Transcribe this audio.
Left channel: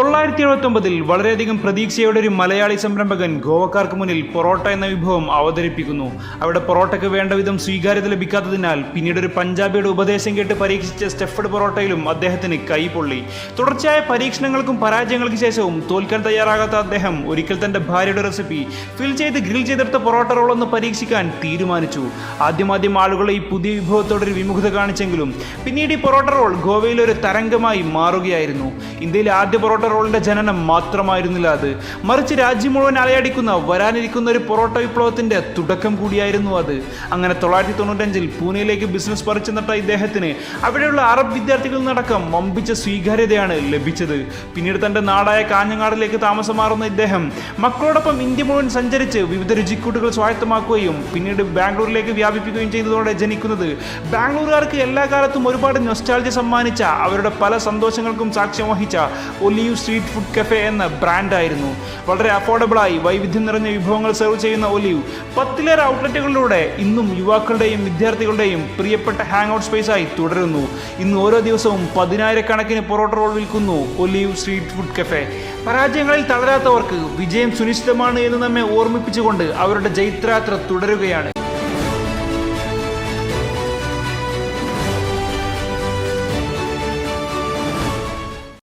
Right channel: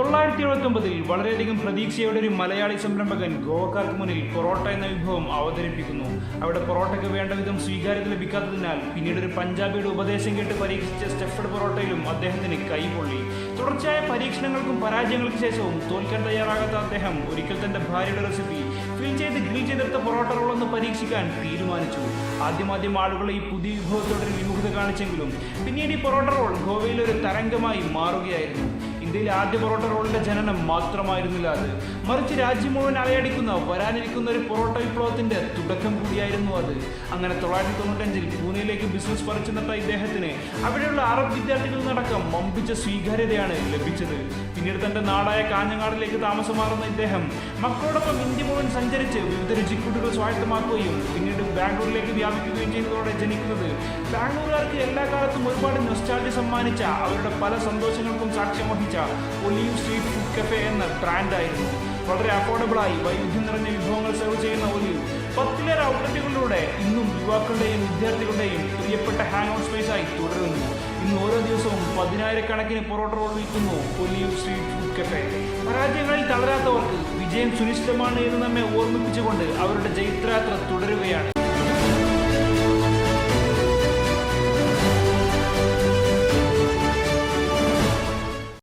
1979 വളരെയധികം പ്രതീക്ഷയോടെ ഒരു മലയാളി സംരംഭകൻ ഗോവക്കാർക്ക് മുന്നിൽ പൊറോട്ട എന്ന വിഭവം അവതരിപ്പിക്കുന്നു. അവിടെ പൊറോട്ടയ്ക്ക് വേണ്ട വിധം സ്വീകാര്യത ലഭിക്കാത്തതിനാൽ പിന്നീട് ഒരു പഞ്ചാബിയുടെ ഉപദേശം കേട്ട് പരീക്ഷിച്ച സ്റ്റഫ്ഡ് പൊറോട്ടയിലും അദ്ദേഹത്തിന് കൈപൊള്ളി. തുടർച്ചയായ പരീക്ഷണങ്ങൾക്കും പരാജയങ്ങൾക്ക് ശേഷവും തോൽക്കാൻ തയ്യാറാകാത്ത അദ്ദേഹം ഒരിക്കൽ തന്റെ ഭാര്യയുടെ റെസിപ്പി ഫിൽ ചെയ്ത് ഗ്രിൽ ചെയ്തെടുത്ത പൊറോട്ട റോളൊന്ന് പരീക്ഷിക്കാൻ തീരുമാനിച്ചു. ആദ്യം ആളുകൾ ഈ പുതിയ വിഭവത്തോടൊരു വിമുഖത കാണിച്ചെങ്കിലും പിന്നീട് ഈ പൊറോട്ട റോൾ ഗോവയിൽ ഒരു തരംഗമായി മാറുകയായിരുന്നു. ഇന്ത്യയിലെ ആദ്യ പൊറോട്ട റോളിന്റെ ജനനം മാത്രമായിരുന്നില്ല അത്, മറിച്ച് രാജ്യം മുഴുവൻ അലയടിക്കുന്ന വരാനിരിക്കുന്ന ഒരു പൊറോട്ട വിപ്ലവത്തിന്റെ തുടക്കം കൂടിയായിരുന്നു അത്. അങ്ങനെ 1995 പൂനെയിലേക്ക് ബിസിനസ് പറിച്ചു നട്ട ഇദ്ദേഹത്തിന് അവിടെയുള്ള അറബ് വിദ്യാർത്ഥികളിലടക്കം വമ്പിച്ച സ്വീകാര്യതയാണ് ലഭിച്ചത്. പിന്നീട് തന്റെ നാടായ കാഞ്ഞങ്ങാടിലേക്ക് താമസം മാറുന്ന ഇദ്ദേഹം മക്കളോടൊപ്പം ഇന്ത്യ മുഴുവൻ സഞ്ചരിച്ച് വിവിധ രുചിക്കൂട്ടുകൾ സ്വായത്തമാക്കുകയും പിന്നീട് ബാംഗ്ലൂരിലേക്ക് വ്യാപിപ്പിക്കുകയും ചെയ്യുന്നതോടെ ജനിക്കുന്നത് ബാംഗ്ലൂരുകാർക്ക് എല്ലാ കാലത്തും ഒരുപാട് നൊസ്റ്റാൾജിയ സമ്മാനിച്ച, അവരുടെ പല സന്തോഷങ്ങൾക്കും സാക്ഷ്യം വഹിച്ച ഒലിവ് സ്ട്രീറ്റ് ഫുഡ് കഫേ എന്ന ബ്രാൻഡായിരുന്നു. വളരെ അഫോർഡബിളായി വൈവിധ്യം നിറഞ്ഞ വിഭവങ്ങൾ സെർവ് ചെയ്യുന്ന ഒലിവ് 10ലേറെ ഔട്ട്ലെറ്റുകളിലൂടെ ഇന്നും യുവാക്കളുടെയും വിദ്യാർത്ഥികളുടെയും പ്രിയപ്പെട്ട ഹാങ് ഔട്ട് സ്പേസ് ആയി തുടരുന്നു. ഇന്ന് ഓരോ ദിവസവും 10,000-കണക്കിന് പൊറോട്ട റോൾ വിൽക്കുന്നു ഒലിവ് സ്ട്രീറ്റ് ഫുഡ് കഫേ. പരാജയങ്ങളിൽ തളരാത്തവർക്ക് വിജയം സുനിശ്ചിതമാണ് എന്ന് നമ്മെ ഓർമ്മിപ്പിച്ചുകൊണ്ട് അവരുടെ ജൈത്രയാത്ര തുടരുകയാണ്.